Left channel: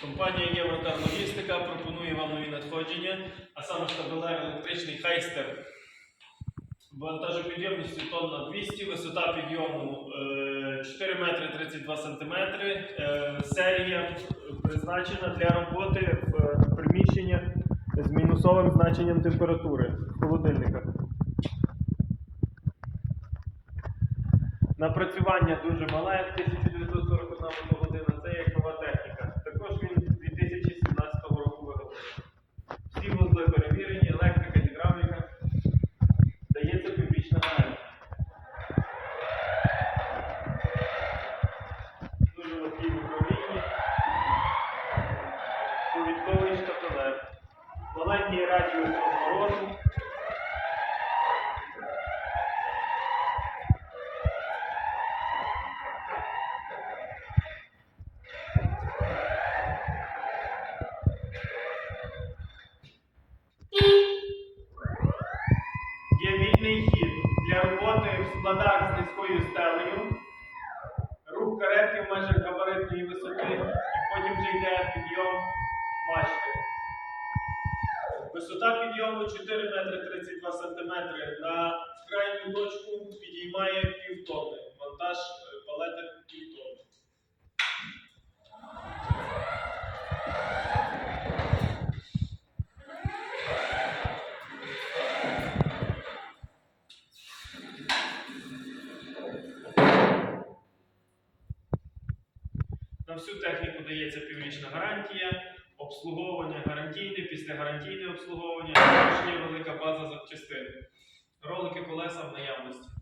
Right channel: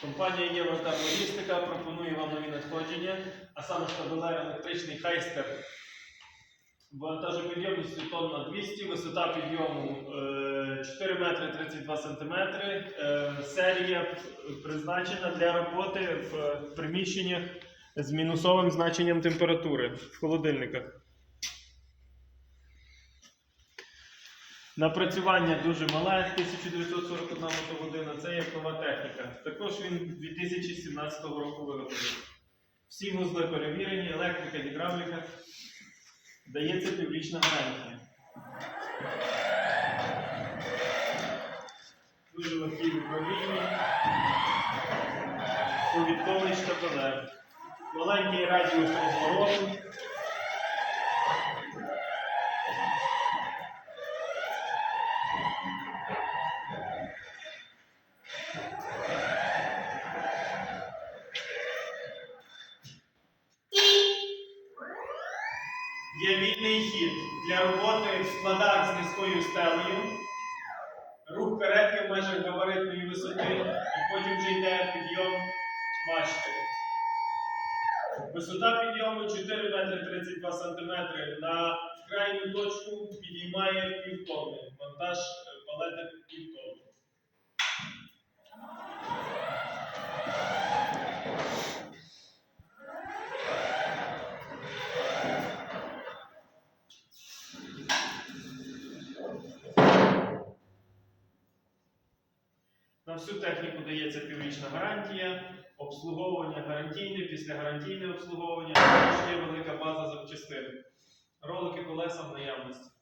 Компанія Євротар Логістика пропонує вам нові надходження, а саме штабелер електричний Хайстер вантажопідйомністю тонна 200, висота підйому е, 4 метри 32 сантиметри. Е, Серія призначена для роботи в приміщеннях з мінусовим значенням температури в холодильниках. Напрацювання дуже мале, 1941 мотогодина, Вузли перевірені, електрика, гідравліка. Дається піврічна гарантія. Дуже легкий в управлінні. Повідковий штабелер. Маленький радіус розвороту. Є вільний хід для роботи в складах з низькою стелею. Рух каретки в межах габаритної висоти, і потім вже йде підйом мачти. Висота підйому 4 метри 32 см На крайню точку підіймає півтони. Монтаж На всю техніку дається піврічна гарантія, обслуговування гарантійне, післягарантійне обслуговування, також є велика база запчастин. Ролики колеса в наявності.